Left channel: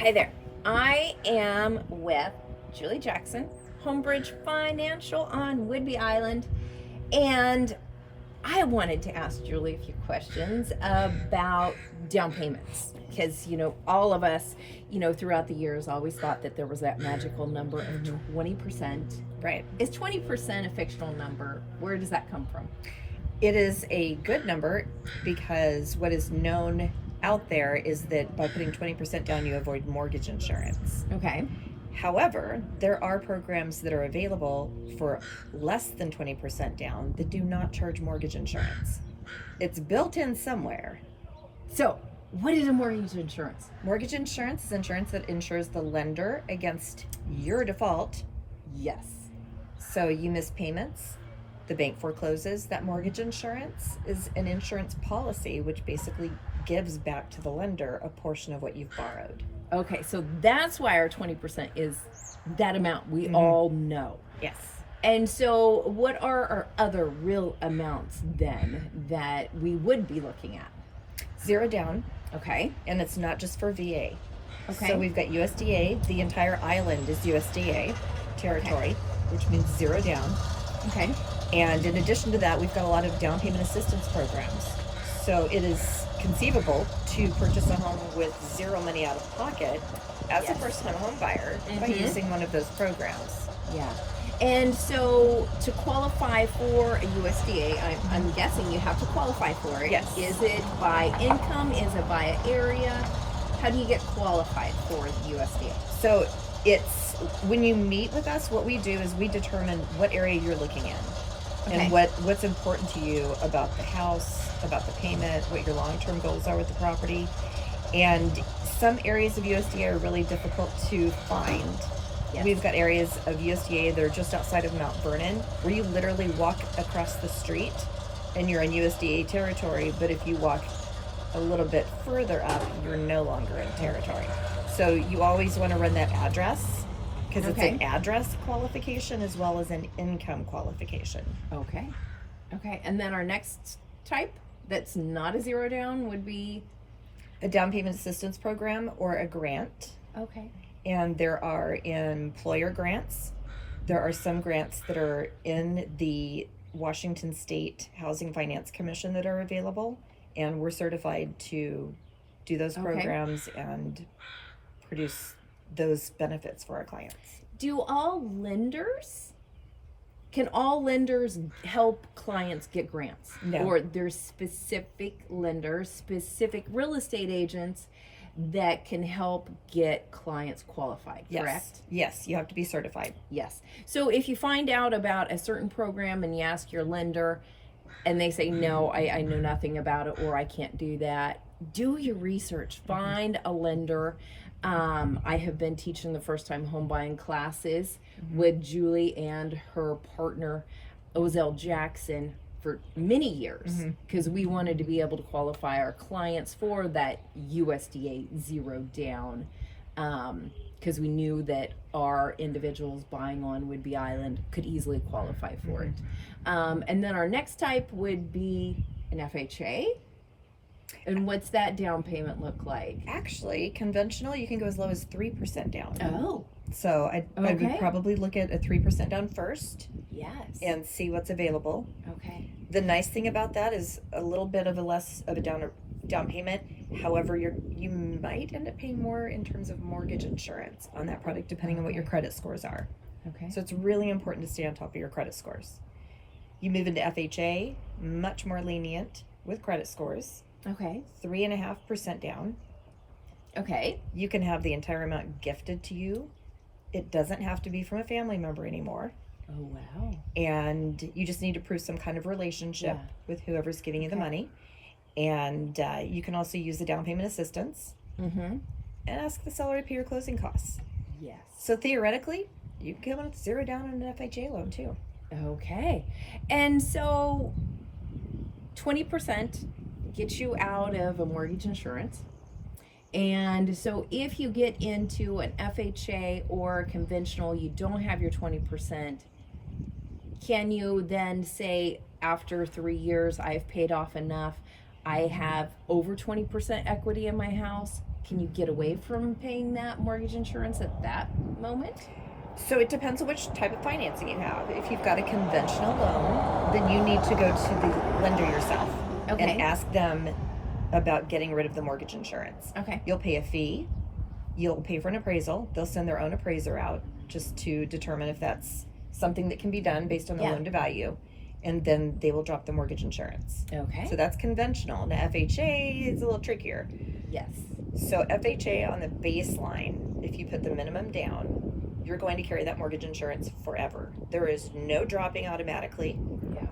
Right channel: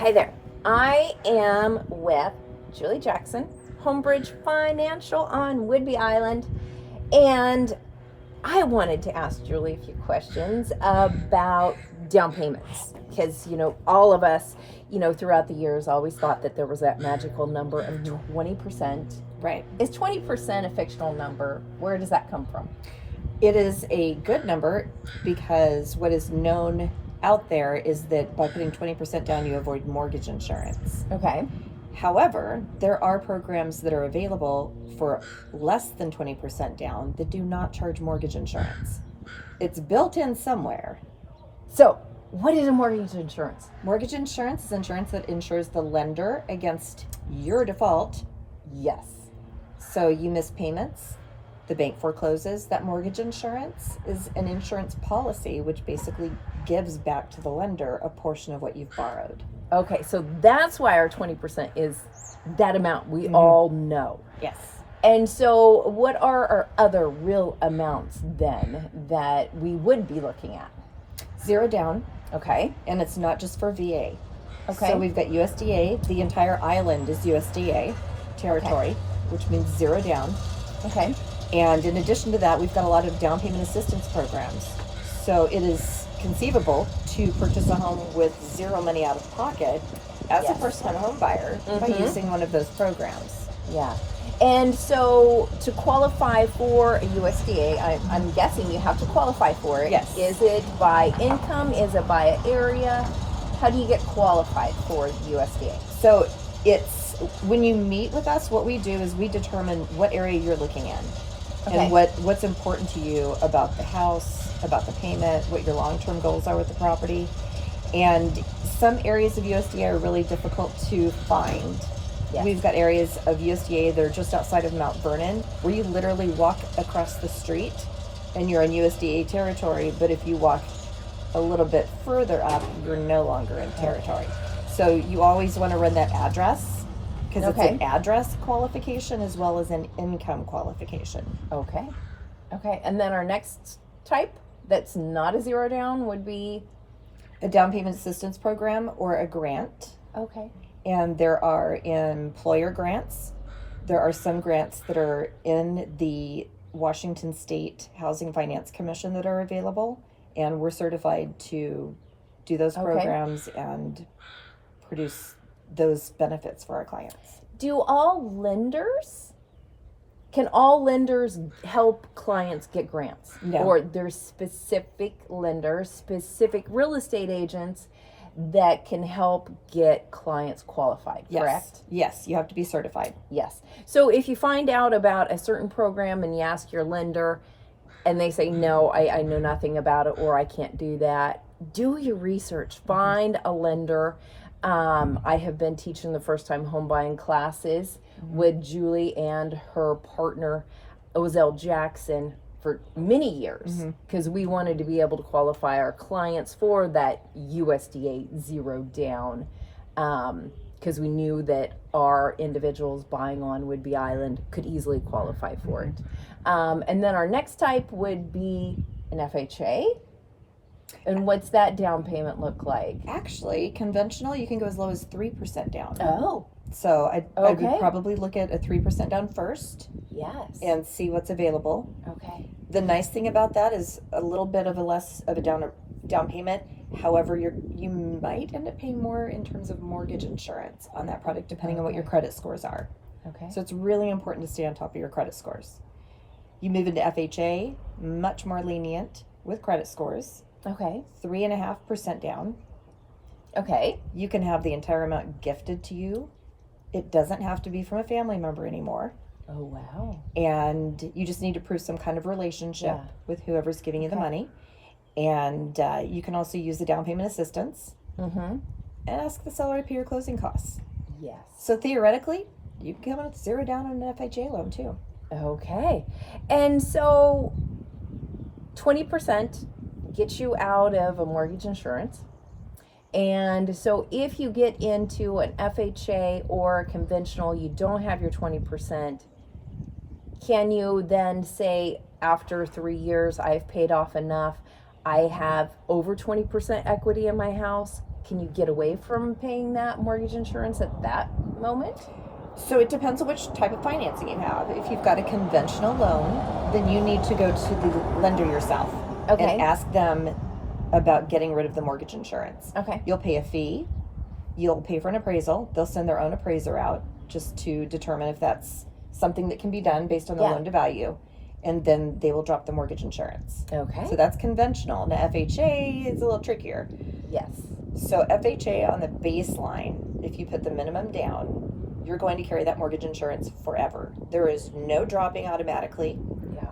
Hi there. I am with Julie Jackson, Homebridge Financial on Whidbey Island, and I wanted to ask Julie a few questions about down payments because, all of us, throughout the years always thought that there was that magical number of 20%. Right. Is 20% a fictional number? Where does that come from? It is a good number because what is known out there is that by putting 20% down, you avoid mortgage insurance. Okay. However, there are programs that are available for less than 20% down that do not charge mortgage insurance. It's built in somewhere. So, what is a mortgage insurance? Mortgage insurance is insurance that insures the lender against your default. Yes. So you miss payments, the bank forecloses. That mortgage insurance is an insurance policy which basically gives back to the lender a portion of what you've borrowed. Okay, so that's why our 20% is that amount we all know. Yes. And so what are our other real amounts then that we would be looking at? Zero down, Okay. and it's not just for VA. Okay. So we've got USDA. The entire island is USDA territory, which means zero down. Okay. And in addition to that, we've got a lot of down payment assistance programs. So it is conceivable to purchase a home with zero money out of pocket as a Yes. first-time home buyer by using one of those programs. Yeah. And so to qualify for a USDA, I'm guessing you have to qualify for it. Yes. Is it by income? Is it by area? How do you get qualified for the USDA? So it's when you meet with us, what we do is we determine what area you're looking in and what's important to you about the house, about the payment, what your long-term goals are with the property. And some areas of USDA are really difficult to find. Yes. We've got areas of USDA that are just outside of Mount Vernon where you literally walk across the street and you're in USDA territory, but if you walk a little bit further up, you're no longer in territory. So you always want to run that address because it's an address qualification as well as an income qualification. Okay. Okay. And then our next type that's not a zero down would be? A down payment assistance program or a grant. Okay. And there are employer grants. There are some grants that are in the Washington State Housing Finance Commission that are available. And we're certified to do those programs and produce those benefits for our clients. Can all lenders help clients get grants? No. Or there's specific lenders, specific real estate agents that can help get clients qualified, correct? Yes, you have to be certified. Yes. So if you find out about a certain program and you ask your lender and they say, no, I know nothing about it or I can't do that, do your research. Find a lender. I have been teaching the first time home buying classes with Julie and her partner, Ozell Jackson, for many years because we wanted to be able to qualify our clients for that USDA zero down because we knew that our individuals buying on Whidbey Island could easily qualify for it. And then our next type would be an FHA. And what's that down payment look like? Actually, conventional, you can go as low as 3% down. Oh. So I would probably look at a 3% down first. Yes. And see what's available. Okay. The nice thing about that is a little bit of a less of a down payment. However, you might end up paying more in terms of mortgage insurance on that product depending on what your credit scores are. Okay. So it's really important to stay on top of your credit scores. You move into FHA, much more lenient with credit scores. Okay. 3.5% down. Okay. You can have the entire amount gifted to you. It doesn't have to be from a family member anymore. Oh, wow. And you just need to prove some kind of relationship with whoever's giving you the money. And you can also use the down payment assistance and ask the seller to pay your closing costs. Yes. So theoretically, you can come in with zero down on an FHA loan too. Okay. And so 20% gets you out of a mortgage insurance. And so if you get into an FHA or conventional, you don't have your 20%, can you then say after 3 years, I've paid off enough, I have over 20% equity in my house, can you get away from paying that mortgage insurance at that moment? So it depends on which type of financing you have. If you've got a conventional loan, then you need to go to the lender yourself Okay. and ask them about getting rid of the mortgage insurance. Okay. You'll pay a fee. You'll pay for an appraisal. They'll send their own appraiser out just to determine if that's something that can be done based on the Yeah. loan to value. And then they will drop the mortgage insurance. Okay. So that's conventional. Now FHA is a little trickier. Yes. So FHA on the baseline, if you put the minimum down, you're going to carry that mortgage insurance forever. There is no dropping automatically. Yeah.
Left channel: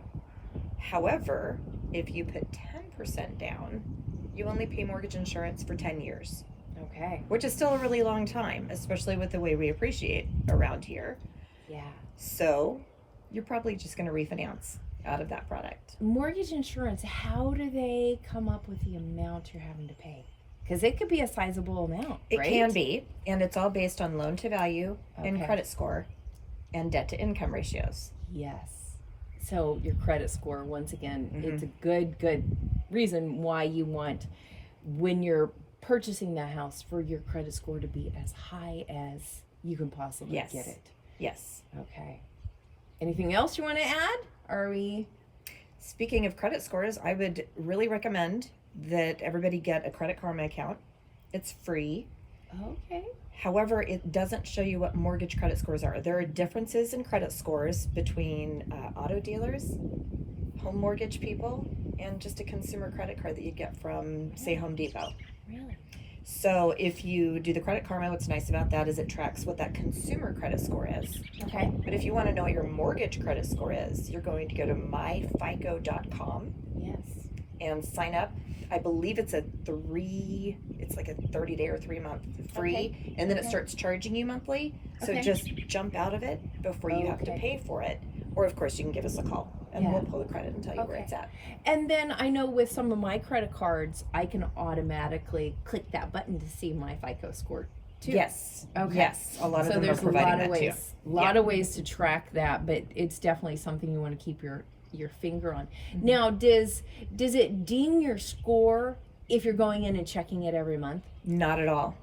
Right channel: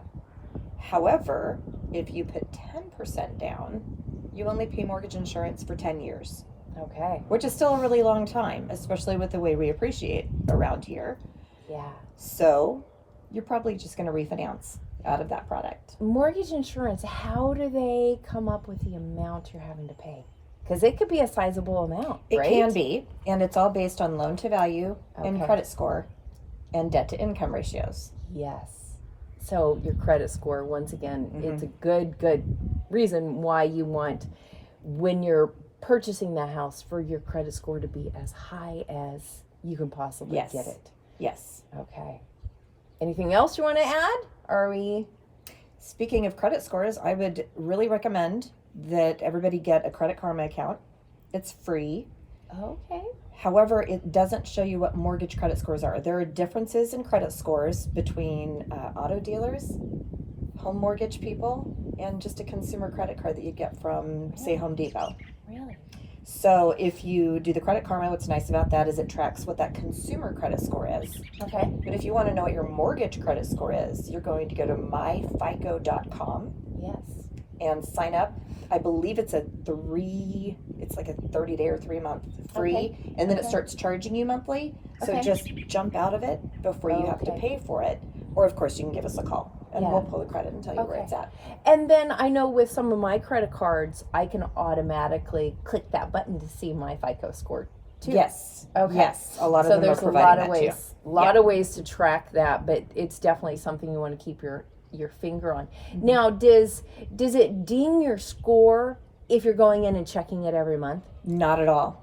However, if you put 10% down, you only pay mortgage insurance for 10 years, Okay. which is still a really long time, especially with the way we appreciate around here. Yeah. So you're probably just going to refinance out of that product. Mortgage insurance, how do they come up with the amount you're having to pay? Because it could be a sizable amount, It right? can be, and it's all based on loan to value and Okay. credit score and debt to income ratios. Yes. So your credit score, once again, Mm-hmm. it's a good reason why you want, when you're purchasing that house, for your credit score to be as high as you can possibly Yes. get it. Yes. Okay. Anything else you want to add? Are we? Speaking of credit scores, I would really recommend that everybody get a Credit Karma account. It's free. Okay. However, it doesn't show you what mortgage credit scores are. There are differences in credit scores between auto dealers, home mortgage people, and just a consumer credit card that you get from, say, Home Depot. Really? So if you do the Credit Karma, what's nice about that is it tracks what that consumer credit score is. Okay. But if you want to know what your mortgage credit score is, you're going to go to myfico.com Yes. and sign up. I believe it's like a 30-day or 3-month free, Okay. and then it Okay. starts charging you monthly. So Okay. just jump out of it before you have to Okay. pay for it. Or of course you can give us a call and Yeah. we'll pull the credit and tell you where Okay. it's at. And then I know with some of my credit cards, I can automatically click that button to see my FICO score too. Yes. Okay. Yes. A lot of So them are there's a providing lot that of too. ways, a lot of ways to track that, but it's definitely something you want to keep your finger on. Mm-hmm. Now, does it ding your score if you're going in and checking it every month? Not at all.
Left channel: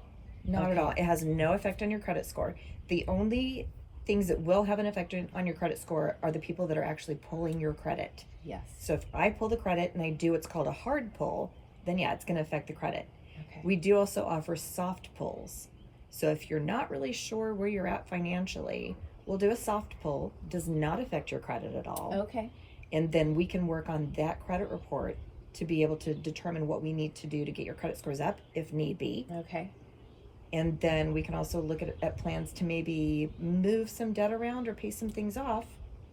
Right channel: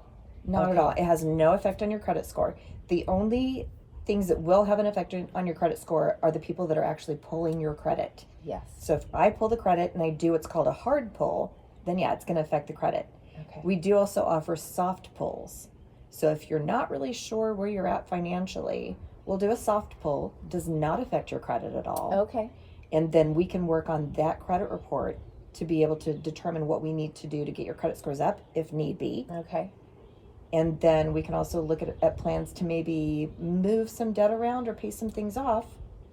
Not at Okay. all. It has no effect on your credit score. The only things that will have an effect on your credit score are the people that are actually pulling your credit. Yes. So if I pull the credit and I do what's called a hard pull, then yeah, it's going to affect the credit. Okay. We do also offer soft pulls. So if you're not really sure where you're at financially, we'll do a soft pull. Does not affect your credit at all. Okay. And then we can work on that credit report to be able to determine what we need to do to get your credit scores up if need be. Okay. And then we can also look at plans to maybe move some debt around or pay some things off,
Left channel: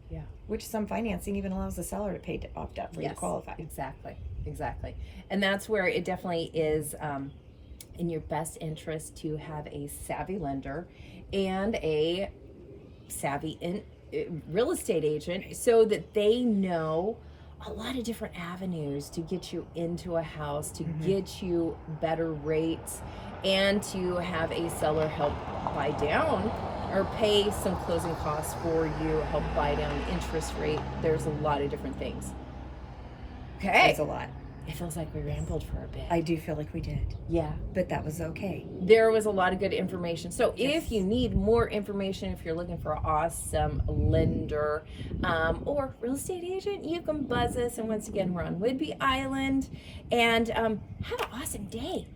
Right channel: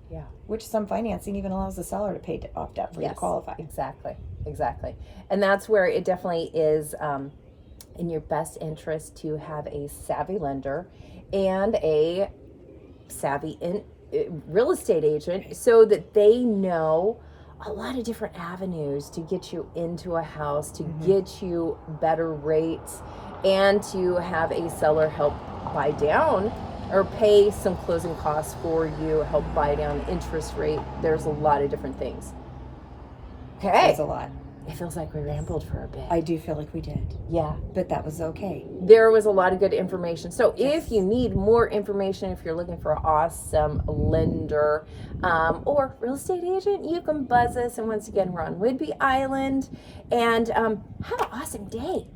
Yeah. which some financing even allows the seller to pay off debt for you to qualify. Exactly. And that's where it definitely is in your best interest to have a savvy lender and a savvy real estate agent so that they know a lot of different avenues to get you into a house, to get you better rates, and to have a seller help buy down or pay some closing costs for you, help buy down the interest rate. There's a lot of different things. Okay. That's a lot. It feels like we rambled for a bit. I do feel like we did, Yeah. but that was okay. There was a lot of good information. So Yes. if you need more information, if you're looking for an awesome lender or real estate agent, you can buzz us. And once again, we're on Whidbey Island. And have an awesome day.